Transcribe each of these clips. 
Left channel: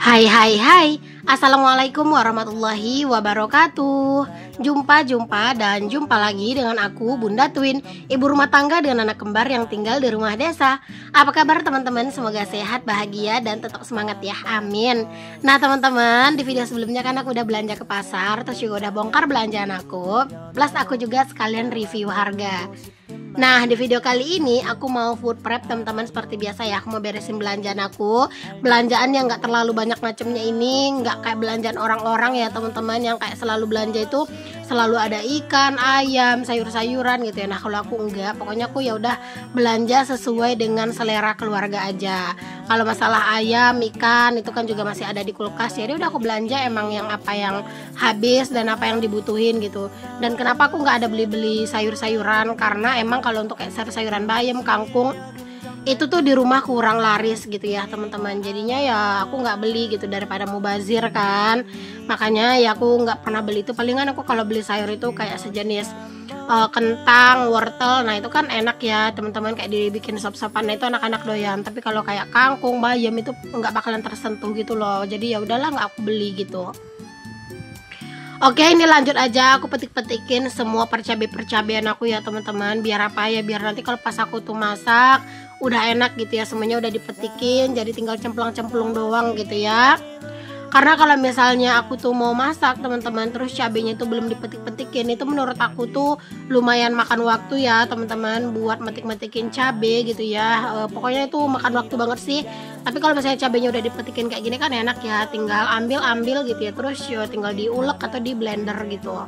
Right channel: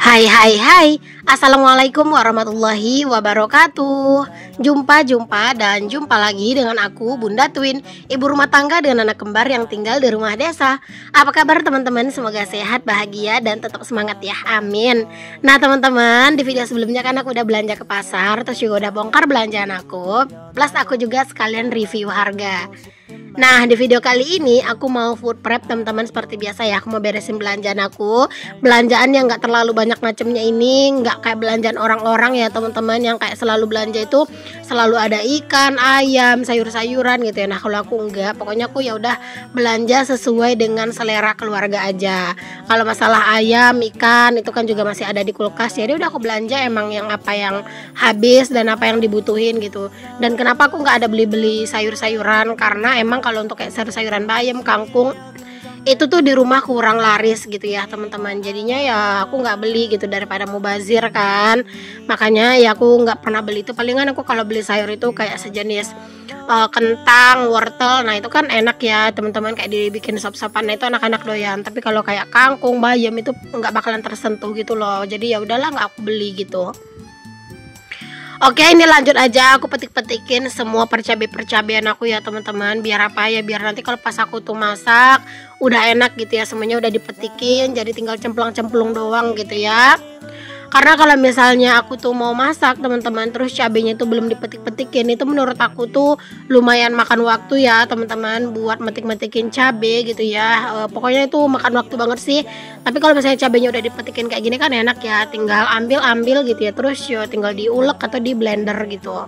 Hai hai hai. Assalamualaikum warahmatullahi wabarakatuh. Jumpa dan jumpa lagi dengan aku Bunda Twin, ibu rumah tangga dengan anak kembar yang tinggal di rumah desa. Apa kabar teman-teman? Semoga sehat, bahagia, dan tetap semangat ya, amin. Nah teman-teman, di video sebelumnya kan aku udah belanja ke pasar, terus juga udah bongkar belanjaan aku, plus aku juga sekalian review harga. Nah di video kali ini aku mau food prep teman-teman. Seperti biasa ya, aku mau beresin belanjaan aku. Belanjaan yang gak terlalu banyak macamnya ini, gak kayak belanjaan orang-orang ya teman-teman, yang kayak selalu belanja itu selalu ada ikan, ayam, sayur-sayuran gitu ya. Nah kalau aku enggak, pokoknya aku ya udah belanja sesuai dengan selera keluarga aja. Kalau masalah ayam, ikan itu kan juga masih ada di kulkas, jadi udah aku belanja emang yang apa yang habis dan apa yang dibutuhin gitu. Dan kenapa aku nggak ada beli-beli sayur-sayuran, karena emang kalau untuk kayak sayur-sayuran bayam, kangkung itu tuh di rumah kurang laris gitu ya teman-teman. Jadinya ya aku nggak beli gitu, daripada mubazir kan. Makanya ya aku nggak pernah beli itu. Palingan aku kalau beli sayur itu kayak sejenis kentang, wortel. Nah itu kan enak ya teman-teman, kayak dibikin sop-sopan. Nah itu anak-anak doyan. Tapi kalau kayak kangkung, bayam itu nggak bakalan tersentuh gitu loh. Jadi ya udahlah, nggak aku beli gitu. Oke, ini lanjut aja, aku petik-petikin semua percabai-percabean aku ya teman-teman. Biar apa ya, biar nanti kalau pas aku tuh masak udah enak gitu ya, semuanya udah dipetikin, jadi tinggal cemplang-cemplung doang gitu ya. Karena kalau misalnya aku tuh mau masak teman-teman, terus cabenya tuh belum dipetik-petikin, itu menurut aku tuh lumayan makan waktu ya teman-teman, buat metik-metikin cabe gitu ya. Pokoknya itu makan waktu banget sih. Tapi kalau misalnya cabenya udah dipetikin kayak gini kan enak ya, tinggal ambil gitu ya, terus yo tinggal diulek atau di blender gitu.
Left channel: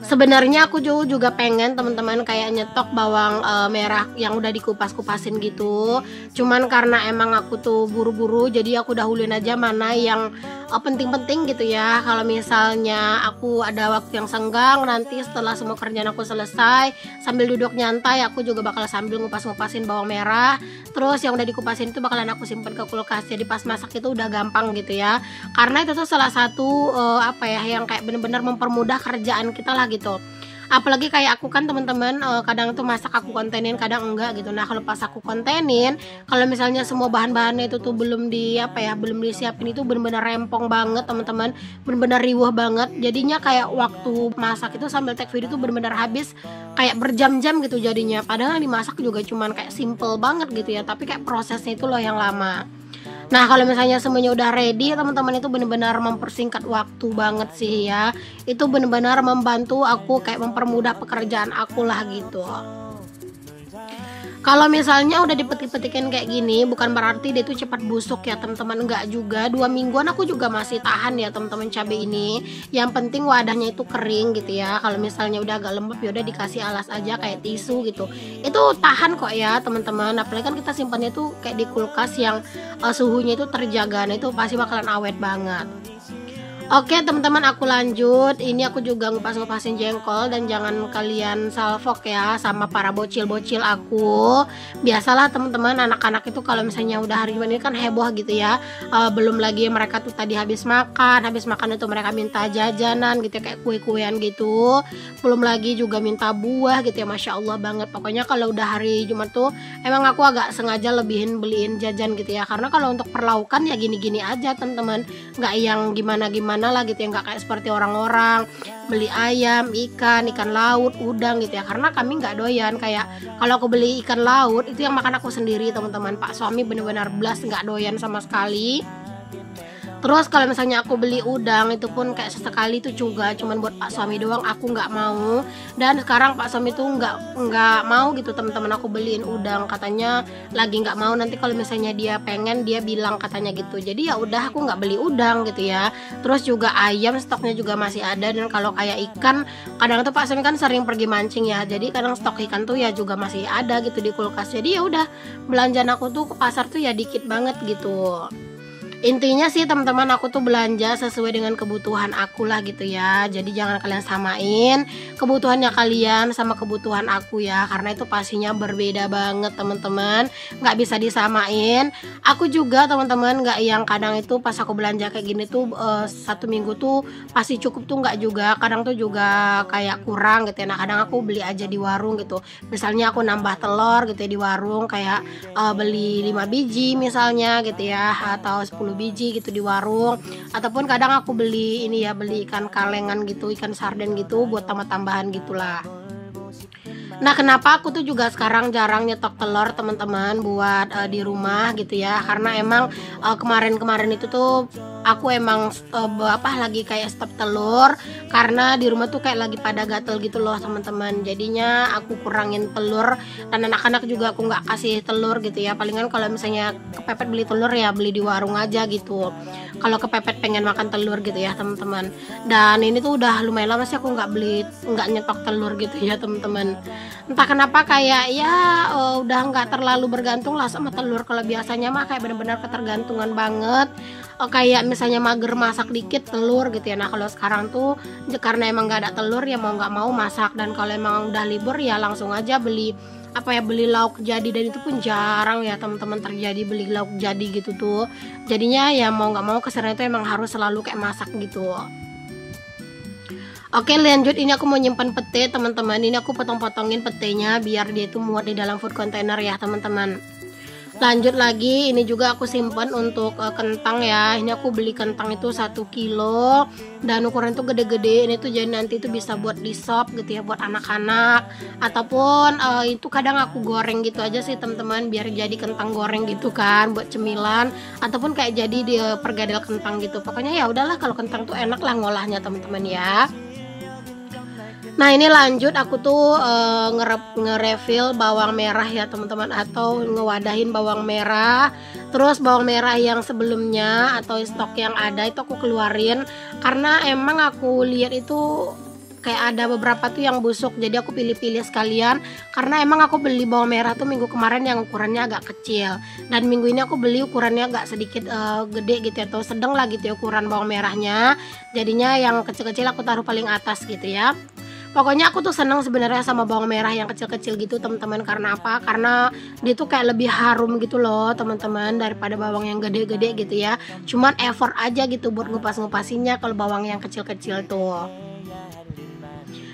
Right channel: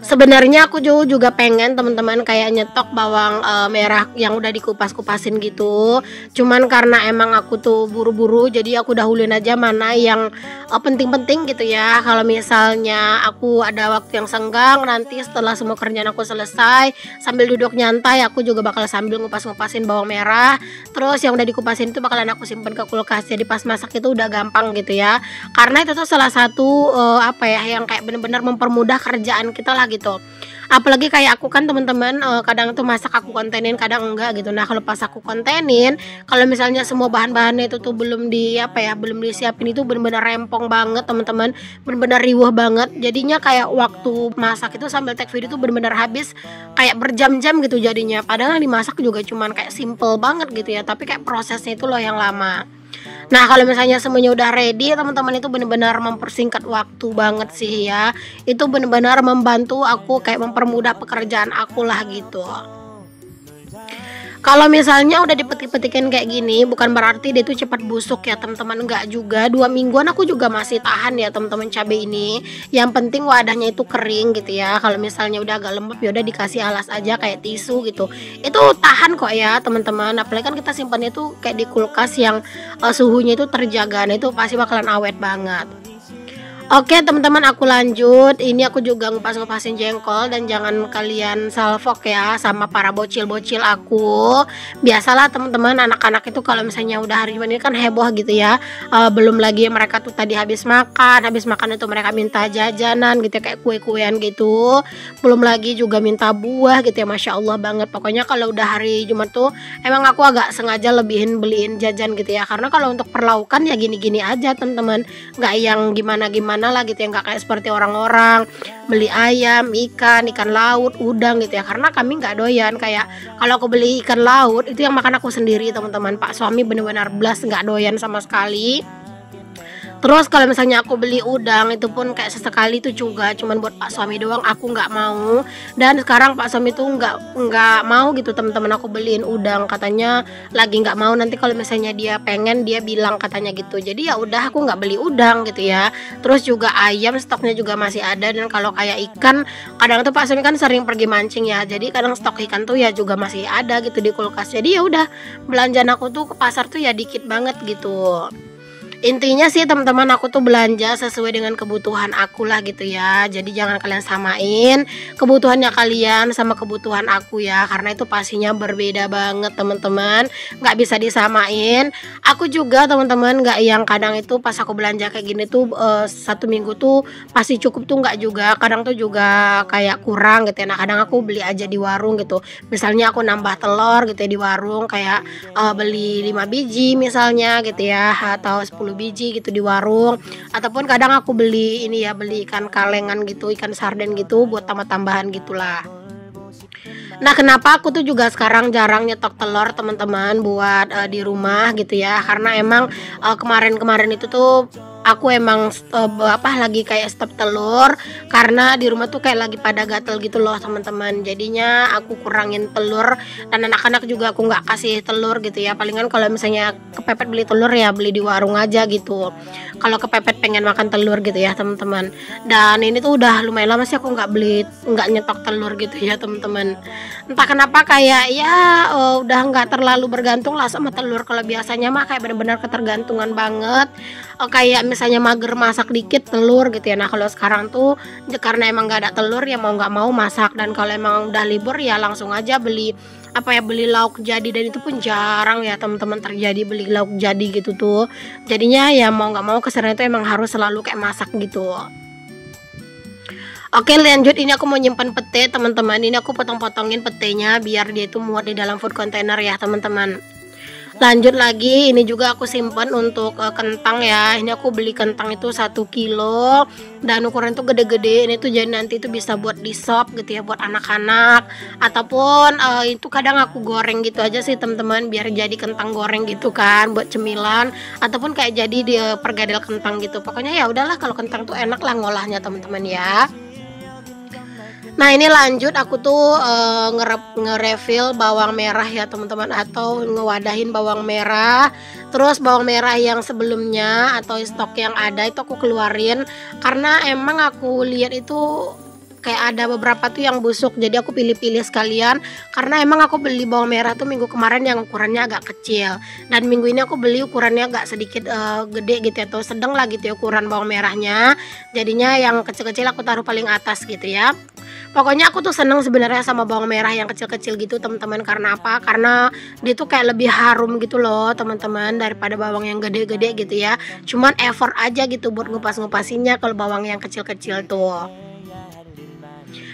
Sebenarnya aku juga pengen teman-teman kayak nyetok bawang merah yang udah dikupas-kupasin gitu. Cuman karena emang aku tuh buru-buru, jadi aku dahuluin aja mana yang penting-penting gitu ya. Kalau misalnya aku ada waktu yang senggang, nanti setelah semua kerjaan aku selesai, sambil duduk nyantai, aku juga bakal sambil ngupas-ngupasin bawang merah. Terus yang udah dikupasin itu bakalan aku simpen ke kulkas. Jadi pas masak itu udah gampang gitu ya. Karena itu tuh salah satu apa ya, yang kayak bener-bener mempermudah kerjaan kita lah gitu. Apalagi kayak aku kan teman-teman, kadang tuh masak aku kontenin, kadang enggak gitu. Nah kalau pas aku kontenin, kalau misalnya semua bahan-bahannya itu tuh belum belum disiapin, itu bener-bener rempong banget teman-teman, bener-bener riuh banget. Jadinya kayak waktu masak itu sambil take video tuh bener-bener habis kayak berjam-jam gitu jadinya. Padahal yang dimasak juga cuman kayak simple banget gitu ya, tapi kayak prosesnya itu loh yang lama. Nah kalau misalnya semuanya udah ready teman-teman, itu benar-benar mempersingkat waktu banget sih ya. Itu benar-benar membantu aku kayak mempermudah pekerjaan aku lah gitu. Kalau misalnya udah dipetik-petikin kayak gini, bukan berarti dia tuh cepat busuk ya teman-teman, enggak juga. 2 mingguan aku juga masih tahan ya teman-teman cabai ini. Yang penting wadahnya itu kering gitu ya. Kalau misalnya udah agak lembab, ya udah dikasih alas aja kayak tisu gitu. Itu tahan kok ya teman-teman. Apalagi kan kita simpannya tuh kayak di kulkas yang suhunya itu terjaga. Nah itu pasti bakalan awet banget. Oke teman-teman, aku lanjut. Ini aku juga ngupas-ngupasin jengkol, dan jangan kalian salfok ya sama para bocil-bocil aku. Biasalah teman-teman, anak-anak itu kalau misalnya udah hari Jumat ini kan heboh gitu ya. Belum lagi mereka tuh tadi habis makan itu mereka minta jajanan gitu ya, kayak kue-kuean gitu. Belum lagi juga minta buah gitu ya, Masya Allah banget. Pokoknya kalau udah hari Jumat tuh emang aku agak sengaja beliin jajan gitu ya. Karena kalau untuk perlaukan ya gini-gini aja teman-teman, nggak yang gimana-gimana lah gitu ya, nggak kayak seperti orang-orang beli ayam, ikan laut, udang gitu ya. Karena kami nggak doyan, kayak kalau aku beli ikan laut itu yang makan aku sendiri teman-teman. Pak suami benar-benar blas nggak doyan sama sekali. Terus kalau misalnya aku beli udang, itu pun kayak sesekali itu juga cuman buat pak suami doang, aku nggak mau. Dan sekarang pak suami tuh nggak mau gitu teman-teman aku beliin udang, katanya lagi nggak mau, nanti kalau misalnya dia pengen dia bilang katanya gitu. Jadi ya udah aku nggak beli udang gitu ya. Terus juga ayam stoknya juga masih ada, dan kalau kayak ikan kadang tuh pak suami kan sering pergi mancing ya, jadi kadang stok ikan tuh ya juga masih ada gitu di kulkas. Jadi ya udah, belanjaan aku tuh ke pasar tuh ya dikit banget gitu. Intinya sih teman-teman, aku tuh belanja sesuai dengan kebutuhan aku lah gitu ya. Jadi jangan kalian samain kebutuhannya kalian sama kebutuhan aku ya, karena itu pastinya berbeda banget teman-teman, nggak bisa disamain. Aku juga teman-teman nggak yang kadang itu pas aku belanja kayak gini tuh 1 minggu tuh pasti cukup tuh, nggak juga. Kadang tuh juga kayak kurang gitu ya. Nah kadang aku beli aja di warung gitu. Misalnya aku nambah telur gitu ya di warung, kayak beli 5 biji misalnya gitu ya, atau 10 10 biji gitu di warung, ataupun kadang aku beli ini ya, beli ikan kalengan gitu, ikan sarden gitu buat tambah-tambahan gitulah. Nah, kenapa aku tuh juga sekarang jarang nyetok telur teman-teman buat di rumah gitu ya, karena emang kemarin-kemarin itu tuh aku emang lagi kayak stok telur, karena di rumah tuh kayak lagi pada gatel gitu loh teman-teman. Jadinya aku kurangin telur, dan anak-anak juga aku nggak kasih telur gitu ya. Palingan kalau misalnya kepepet beli telur ya beli di warung aja gitu, kalau kepepet pengen makan telur gitu ya teman-teman. Dan ini tuh udah lumayan lama sih aku nggak nyetok telur gitu ya teman-teman. Entah kenapa kayak ya udah nggak terlalu bergantung lah sama telur. Kalau biasanya mah kayak benar-benar ketergantungan banget, kayak misalnya mager masak dikit telur gitu ya. Nah kalau sekarang tuh karena emang nggak ada telur ya mau nggak mau masak, dan kalau emang udah libur ya langsung aja beli beli lauk jadi, dan itu pun jarang ya teman-teman terjadi beli lauk jadi gitu tuh. Jadinya ya mau nggak mau kesannya itu emang harus selalu kayak masak gitu. Oke, lanjut, ini aku mau nyimpan pete teman-teman. Ini aku potong-potongin petenya biar dia itu muat di dalam food container ya teman-teman. Lanjut lagi, ini juga aku simpan untuk kentang ya. Ini aku beli kentang itu 1 kilo, dan ukuran tuh gede-gede. Ini tuh jadi nanti itu bisa buat di sop gitu ya buat anak-anak, ataupun itu kadang aku goreng gitu aja sih teman-teman, biar jadi kentang goreng gitu kan buat cemilan, ataupun kayak jadi di pergadel kentang gitu. Pokoknya ya udahlah, kalau kentang tuh enak lah ngolahnya teman-teman ya. Nah ini lanjut, aku tuh nge-refill bawang merah ya teman-teman, atau ngewadahin bawang merah. Terus bawang merah yang sebelumnya atau stok yang ada itu aku keluarin, karena emang aku lihat itu kayak ada beberapa tuh yang busuk, jadi aku pilih-pilih sekalian. Karena emang aku beli bawang merah tuh minggu kemarin yang ukurannya agak kecil, dan minggu ini aku beli ukurannya agak sedikit gede gitu ya, atau sedang lah gitu ya ukuran bawang merahnya. Jadinya yang kecil-kecil aku taruh paling atas gitu ya. Pokoknya aku tuh seneng sebenarnya sama bawang merah yang kecil-kecil gitu teman-teman. Karena apa? Karena dia tuh kayak lebih harum gitu loh teman-teman, daripada bawang yang gede-gede gitu ya. Cuman effort aja gitu buat ngupas-ngupasinnya kalau bawang yang kecil-kecil tuh.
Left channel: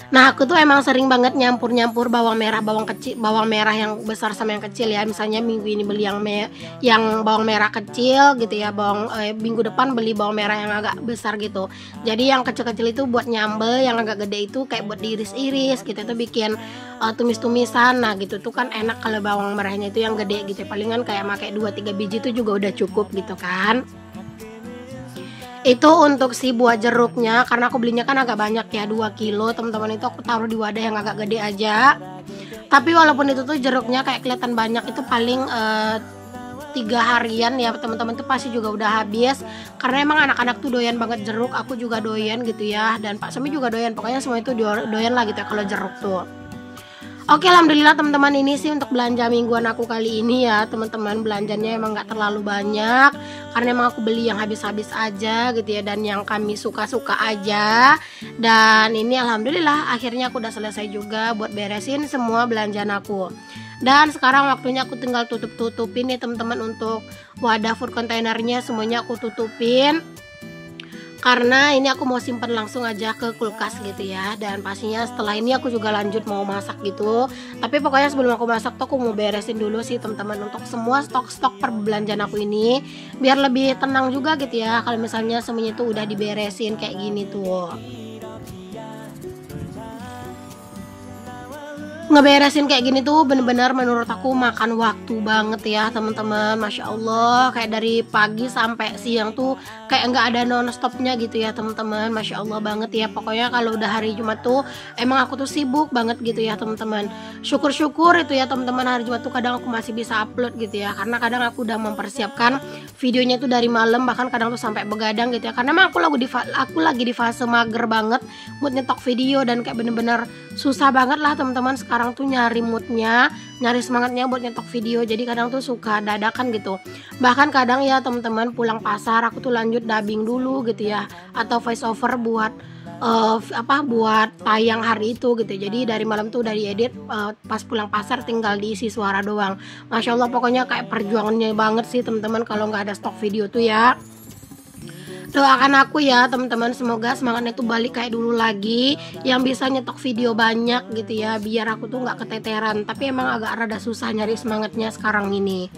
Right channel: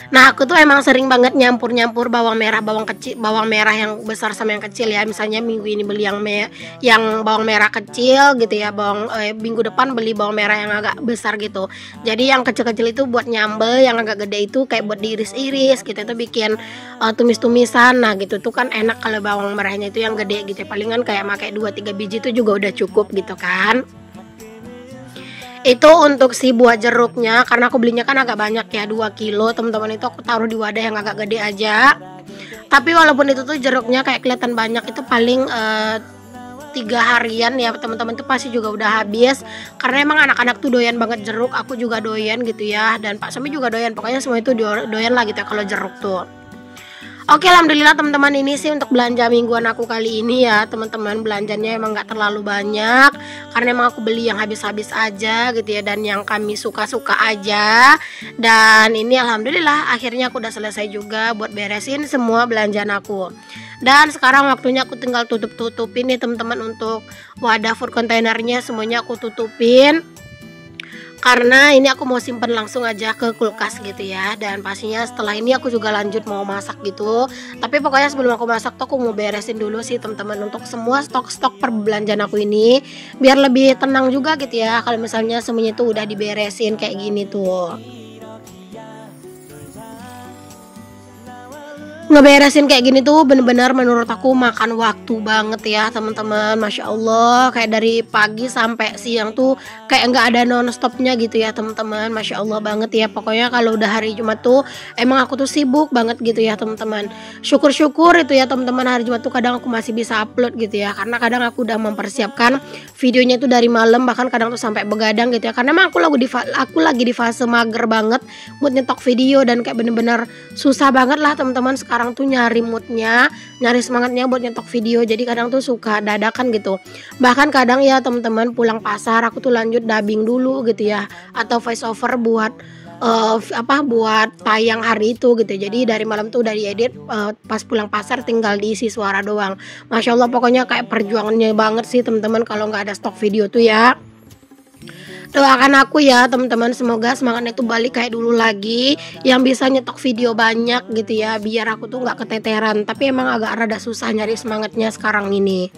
Nah aku tuh emang sering banget nyampur-nyampur bawang merah yang besar sama yang kecil ya. Misalnya minggu ini beli yang bawang merah kecil gitu ya, minggu depan beli bawang merah yang agak besar gitu. Jadi yang kecil-kecil itu buat nyambel, yang agak gede itu kayak buat diiris-iris gitu, itu bikin tumis-tumisan. Nah gitu tuh kan enak kalau bawang merahnya itu yang gede gitu ya. Palingan kayak pakai 2-3 biji itu juga udah cukup gitu kan. Itu untuk si buah jeruknya, karena aku belinya kan agak banyak ya, 2 kilo teman-teman. Itu aku taruh di wadah yang agak gede aja. Tapi walaupun itu tuh jeruknya kayak kelihatan banyak, itu paling 3 harian ya teman-teman, itu pasti juga udah habis. Karena emang anak-anak tuh doyan banget jeruk, aku juga doyan gitu ya, dan Pak Semi juga doyan. Pokoknya semua itu doyan lah gitu ya kalau jeruk tuh. Oke, alhamdulillah teman-teman, ini sih untuk belanja mingguan aku kali ini ya teman-teman. Belanjanya emang gak terlalu banyak, karena emang aku beli yang habis-habis aja gitu ya, dan yang kami suka-suka aja. Dan ini alhamdulillah akhirnya aku udah selesai juga buat beresin semua belanjaan aku. Dan sekarang waktunya aku tinggal tutupin nih teman-teman, untuk wadah food containernya semuanya aku tutupin. Karena ini aku mau simpen langsung aja ke kulkas gitu ya. Dan pastinya setelah ini aku juga lanjut mau masak gitu. Tapi pokoknya sebelum aku masak tuh aku mau beresin dulu sih teman-teman, untuk semua stok-stok perbelanjaan aku ini, biar lebih tenang juga gitu ya kalau misalnya semuanya tuh udah diberesin kayak gini tuh. Ngeberesin kayak gini tuh bener-bener menurut aku makan waktu banget ya teman-teman. Masya Allah, kayak dari pagi sampai siang tuh kayak nggak ada non-stopnya gitu ya teman-teman. Masya Allah banget ya. Pokoknya kalau udah hari Jumat tuh emang aku tuh sibuk banget gitu ya teman-teman. Syukur-syukur itu ya teman-teman, hari Jumat tuh kadang aku masih bisa upload gitu ya, karena kadang aku udah mempersiapkan videonya tuh dari malam, bahkan kadang tuh sampai begadang gitu ya. Karena emang aku lagi di fase mager banget buat nyetok video, dan kayak bener-bener susah banget lah teman-teman sekarang tuh nyari moodnya, nyari semangatnya buat nyetok video. Jadi kadang tuh suka dadakan gitu. Bahkan kadang ya teman-teman pulang pasar aku tuh lanjut dubbing dulu gitu ya, atau voice over buat buat tayang hari itu gitu. Jadi dari malam tuh udah diedit, pas pulang pasar tinggal diisi suara doang. Masya Allah, pokoknya kayak perjuangannya banget sih teman-teman kalau nggak ada stok video tuh ya. Doakan aku ya teman-teman, semoga semangatnya tuh balik kayak dulu lagi, yang bisa nyetok video banyak gitu ya, biar aku tuh nggak keteteran. Tapi emang agak rada susah nyari semangatnya sekarang ini.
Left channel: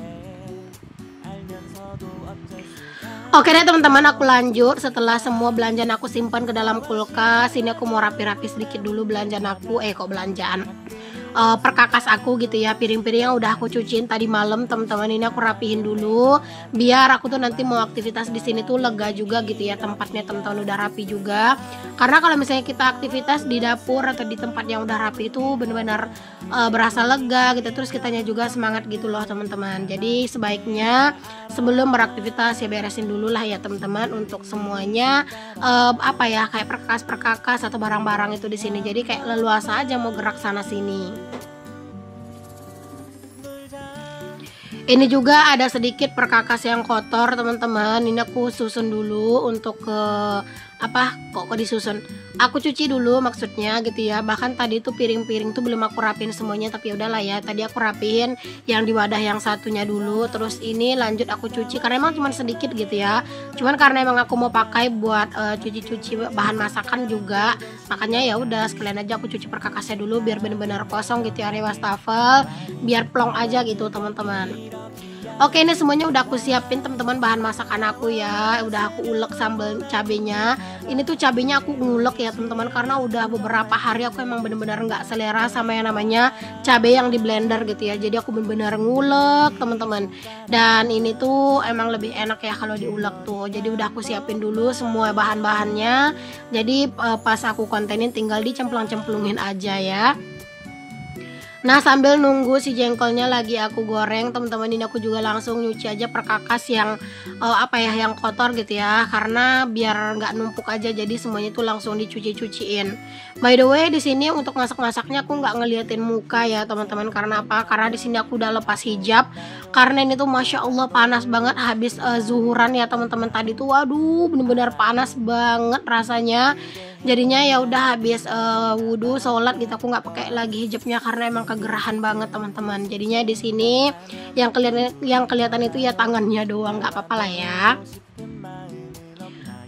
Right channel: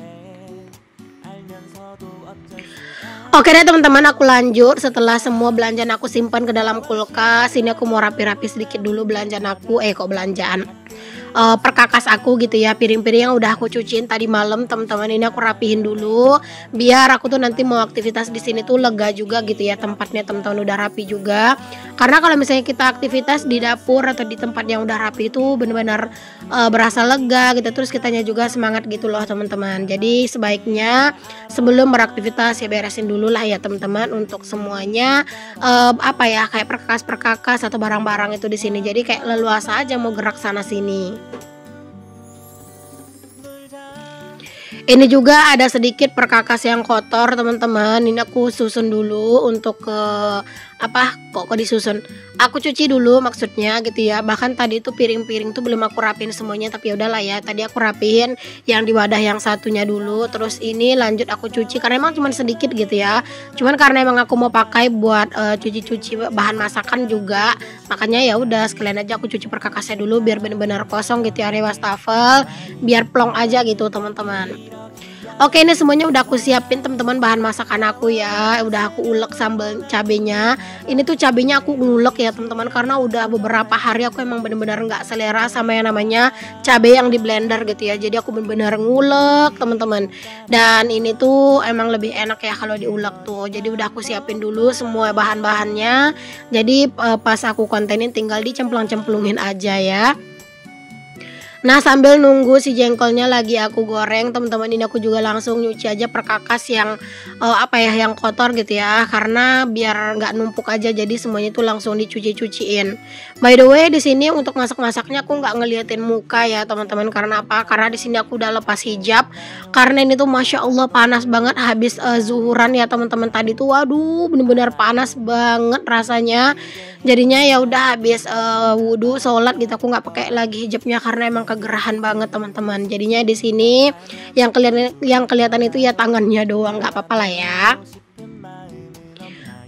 Oke deh teman-teman, aku lanjut. Setelah semua belanjaan aku simpan ke dalam kulkas, ini aku mau rapi-rapi sedikit dulu belanjaan aku. Kok belanjaan, perkakas aku gitu ya, piring-piring yang udah aku cuciin tadi malam teman-teman, ini aku rapihin dulu biar aku tuh nanti mau aktivitas di sini tuh lega juga gitu ya, tempatnya teman-teman udah rapi juga. Karena kalau misalnya kita aktivitas di dapur atau di tempat yang udah rapi itu benar-benar berasa lega gitu, terus kitanya juga semangat gitu loh teman-teman. Jadi sebaiknya sebelum beraktivitas ya beresin dulu lah ya teman-teman untuk semuanya, apa ya, kayak perkakas-perkakas atau barang-barang itu di sini. Jadi kayak leluasa aja mau gerak sana sini. Ini juga ada sedikit perkakas yang kotor teman-teman. Ini aku susun dulu untuk ke apa kok disusun, aku cuci dulu maksudnya gitu ya. Bahkan tadi itu piring-piring tuh belum aku rapiin semuanya, tapi ya udahlah ya, tadi aku rapiin yang di wadah yang satunya dulu, terus ini lanjut aku cuci karena emang cuma sedikit gitu ya, cuman karena emang aku mau pakai buat cuci-cuci bahan masakan juga, makanya ya udah sekalian aja aku cuci perkakasnya dulu biar bener-bener kosong gitu ya, area wastafel biar plong aja gitu teman-teman. Oke, ini semuanya udah aku siapin teman-teman bahan masakan aku ya. Udah aku ulek sambal cabenya. Ini tuh cabenya aku ngulek ya teman-teman, karena udah beberapa hari aku emang bener-bener nggak selera sama yang namanya cabai yang di blender gitu ya. Jadi aku bener-bener ngulek teman-teman. Dan ini tuh emang lebih enak ya kalau diulek tuh. Jadi udah aku siapin dulu semua bahan-bahannya. Jadi pas aku kontenin tinggal dicemplung-cemplungin aja ya. Nah, sambil nunggu si jengkolnya lagi aku goreng teman-teman, ini aku juga langsung nyuci aja perkakas yang apa ya, yang kotor gitu ya, karena biar nggak numpuk aja, jadi semuanya itu langsung dicuci-cuciin. By the way, di sini untuk masak-masaknya aku nggak ngeliatin muka ya teman-teman, karena apa? Karena di sini aku udah lepas hijab, karena ini tuh masya Allah panas banget habis zuhuran ya teman-teman. Tadi tuh waduh bener-bener panas banget rasanya. Jadinya ya udah habis wudhu sholat gitu aku nggak pakai lagi hijabnya karena emang kegerahan banget teman-teman. Jadinya di sini yang kelihatan itu ya tangannya doang, nggak apa-apa lah ya.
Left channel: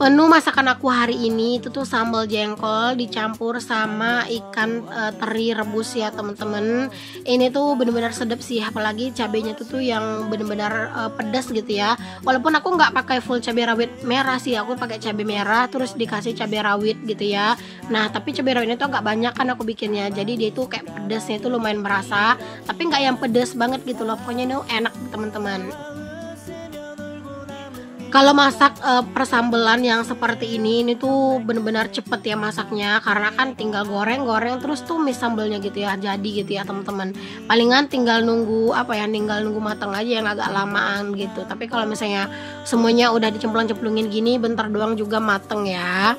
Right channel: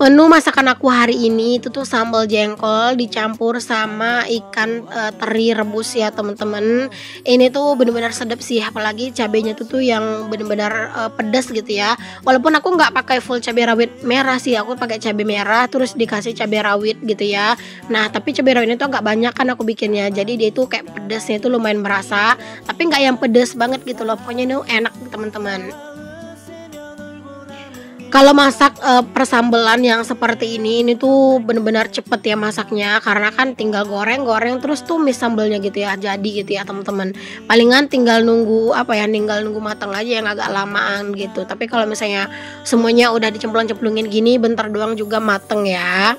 Menu masakan aku hari ini itu tuh sambal jengkol dicampur sama ikan teri rebus ya teman-teman. Ini tuh bener-bener sedap sih, apalagi cabenya tuh yang bener-bener pedas gitu ya. Walaupun aku nggak pakai full cabai rawit merah sih, aku pakai cabai merah terus dikasih cabai rawit gitu ya. Nah tapi cabai rawitnya tuh agak banyak kan aku bikinnya, jadi dia tuh kayak pedasnya itu lumayan berasa, tapi nggak yang pedas banget gitu loh. Pokoknya ini enak teman-teman. Kalau masak persambelan yang seperti ini tuh bener-bener cepet ya masaknya, karena kan tinggal goreng-goreng terus tumis sambelnya gitu ya, jadi gitu ya teman-teman. Palingan tinggal nunggu apa ya, tinggal nunggu matang aja yang agak lamaan gitu. Tapi kalau misalnya semuanya udah dicemplung-cemplungin gini, bentar doang juga mateng ya.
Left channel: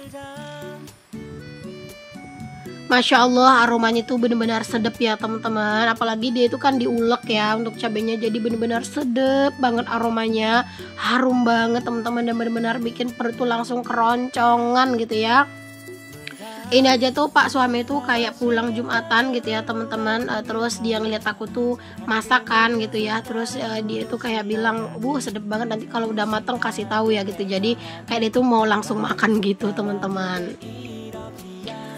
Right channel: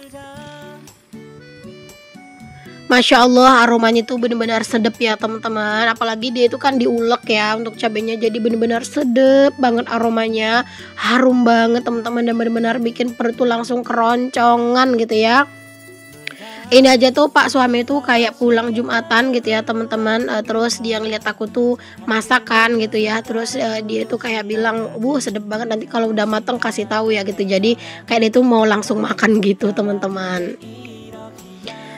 Masya Allah aromanya tuh bener-bener sedep ya teman-teman. Apalagi dia itu kan diulek ya untuk cabenya, jadi bener-bener sedep banget aromanya, harum banget teman-teman, dan bener-bener bikin perut tuh langsung keroncongan gitu ya. Ini aja tuh Pak suami tuh kayak pulang Jumatan gitu ya teman-teman, terus dia ngeliat aku tuh masakan gitu ya, terus dia tuh kayak bilang, sedep banget, nanti kalau udah mateng kasih tahu ya gitu. Jadi kayak dia tuh mau langsung makan gitu teman-teman.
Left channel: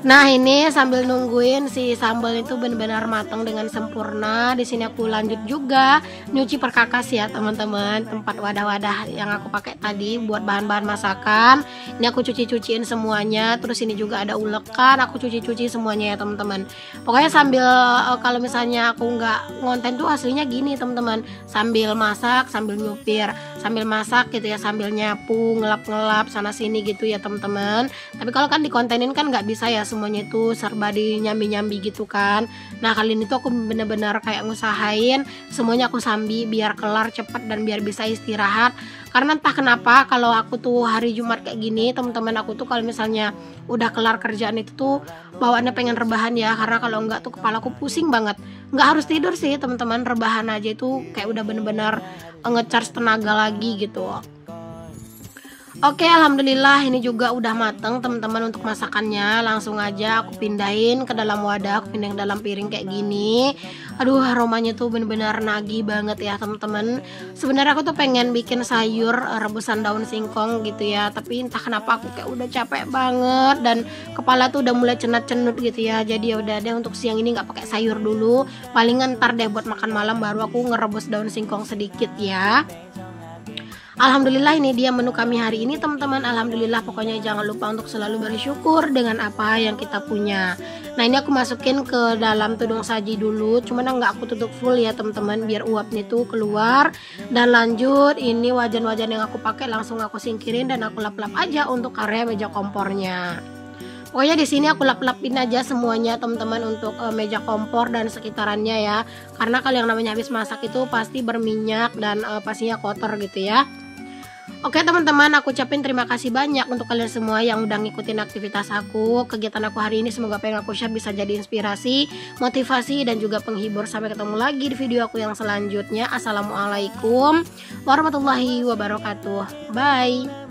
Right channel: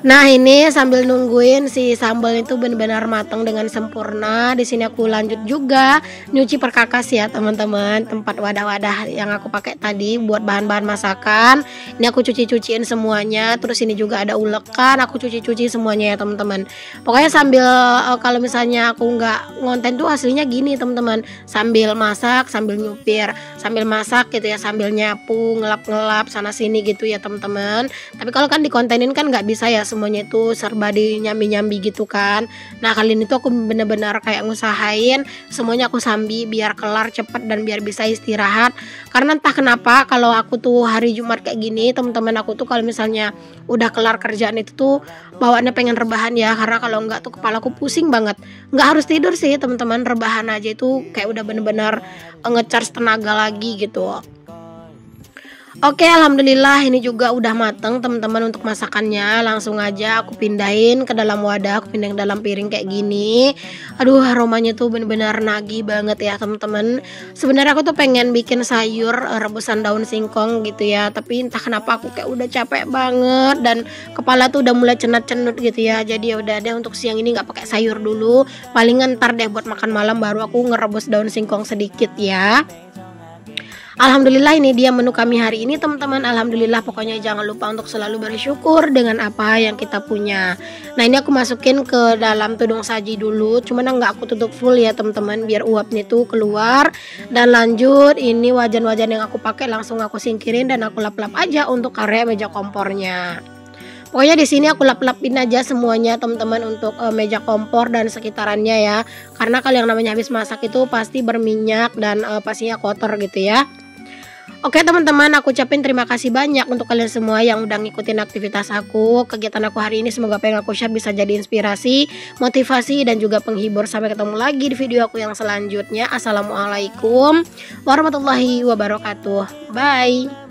Nah ini sambil nungguin si sambal itu benar-benar matang dengan sempurna, di sini aku lanjut juga nyuci perkakas ya teman-teman, tempat wadah-wadah yang aku pakai tadi buat bahan-bahan masakan. Ini aku cuci-cuciin semuanya, terus ini juga ada ulekan, aku cuci-cuci semuanya ya teman-teman. Pokoknya sambil kalau misalnya aku nggak ngonten tuh aslinya gini teman-teman, sambil masak, sambil nyupir, sambil masak gitu ya, sambil nyapu, ngelap-ngelap sana sini gitu ya teman-teman. Tapi kalau kan dikontenin kan nggak bisa ya semuanya itu serba di nyambi-nyambi gitu kan. Nah kali ini tuh aku bener-bener kayak ngusahain semuanya aku sambi biar kelar cepet dan biar bisa istirahat. Karena entah kenapa kalau aku tuh hari Jumat kayak gini teman-teman, aku tuh kalau misalnya udah kelar kerjaan itu tuh bawaannya pengen rebahan ya, karena kalau enggak tuh kepalaku pusing banget. Nggak harus tidur sih teman-teman, rebahan aja itu kayak udah bener-bener nge-charge tenaga lagi gitu. Oke, alhamdulillah ini juga udah mateng teman-teman untuk masakannya. Langsung aja aku pindahin ke dalam wadah, aku pindahin ke dalam piring kayak gini. Aduh, aromanya tuh bener-bener nagih banget ya teman-teman. Sebenarnya aku tuh pengen bikin sayur rebusan daun singkong gitu ya, tapi entah kenapa aku kayak udah capek banget dan kepala tuh udah mulai cenut-cenut gitu ya. Jadi ya udah deh, untuk siang ini nggak pakai sayur dulu. Palingan ntar deh buat makan malam baru aku ngerebus daun singkong sedikit ya. Alhamdulillah ini dia menu kami hari ini teman-teman. Alhamdulillah, pokoknya jangan lupa untuk selalu bersyukur dengan apa yang kita punya. Nah ini aku masukin ke dalam tudung saji dulu, cuman nggak aku tutup full ya teman-teman, biar uapnya itu keluar. Dan lanjut, ini wajan-wajan yang aku pakai langsung aku singkirin dan aku lap-lap aja untuk area meja kompornya. Pokoknya di sini aku lap-lapin aja semuanya teman-teman untuk meja kompor dan sekitarannya ya. Karena kalau yang namanya habis masak itu pasti berminyak dan pastinya kotor gitu ya. Oke teman-teman, aku ucapin terima kasih banyak untuk kalian semua yang udah ngikutin aktivitas aku, kegiatan aku hari ini. Semoga apa yang aku share bisa jadi inspirasi, motivasi, dan juga penghibur. Sampai ketemu lagi di video aku yang selanjutnya. Assalamualaikum warahmatullahi wabarakatuh. Bye.